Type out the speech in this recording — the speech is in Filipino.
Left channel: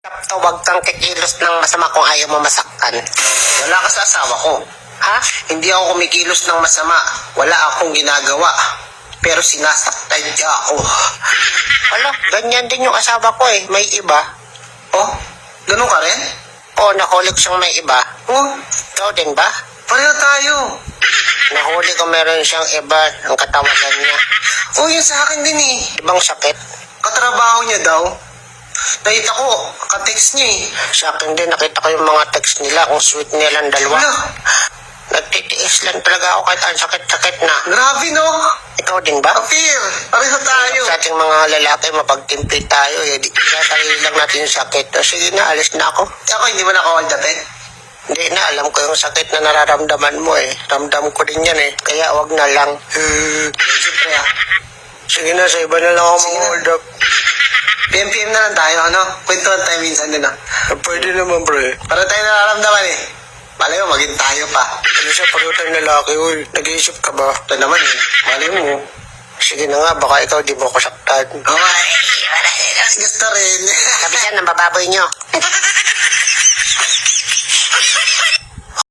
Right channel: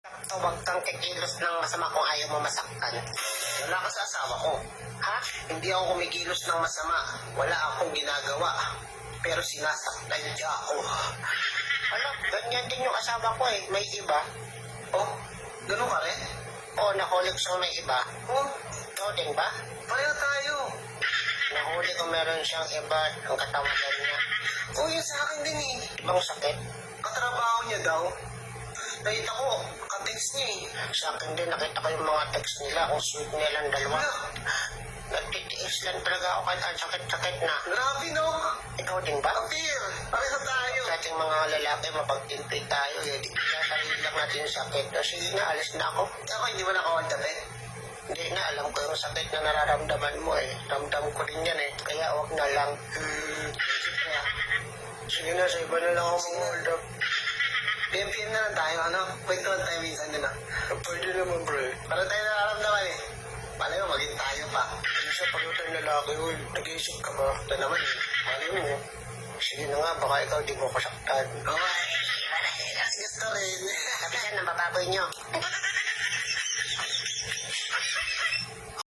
Huwag kang kikilos ng masama kung ayaw mo masaktan. Wala ka sa asawa ko. Ha? Hindi ako kumikilos ng masama. Wala akong ginagawa. Pero sinasaktan niya ako. Wala, ganyan din yung asawa ko eh. May iba. Oh, ganun ka rin? O, nakulik siyang may iba. Oh, Ikaw din ba? pareho tayo. Nahuli ko meron siyang iba ang katawagan niya. Oh, yun sa akin din eh. Ibang sakit. Katrabaho niya daw. Nakita ko, ka-text niya eh. Sa akin din, nakita ko yung mga text nila. Kung sweet nilang dalawa. Wala. Nagtitiis lang talaga ako kahit ang sakit-sakit na. Grabe no? Ikaw din ba? Appear. Pareho tayo. Sa ating mga lalaki, mapagtimpi tayo. Eh, sarili lang natin yung sakit. O, sige na, alis na ako. Ako hindi mo na-call dati. Hindi na, alam ko yung sakit na nararamdaman mo eh. Ramdam ko din yan eh. Kaya wag na lang. Siyempre ah. Sige na, sa iba na lang ako Sige na. mag-hold up. PM na lang tayo, ano? Kwentuhan tayo minsan din ah. Pwede naman, pre. Para tayo nararamdaman eh. Malay mo, maging tayo pa. Ano siya, pareho tayong lalaki, uy. Nag-iisip ka ba? Ito naman eh. Malay mo. Sige na nga, baka ikaw di mo ko saktan. Okay. Gusto rin. Sabi dyan, ang bababoy nyo.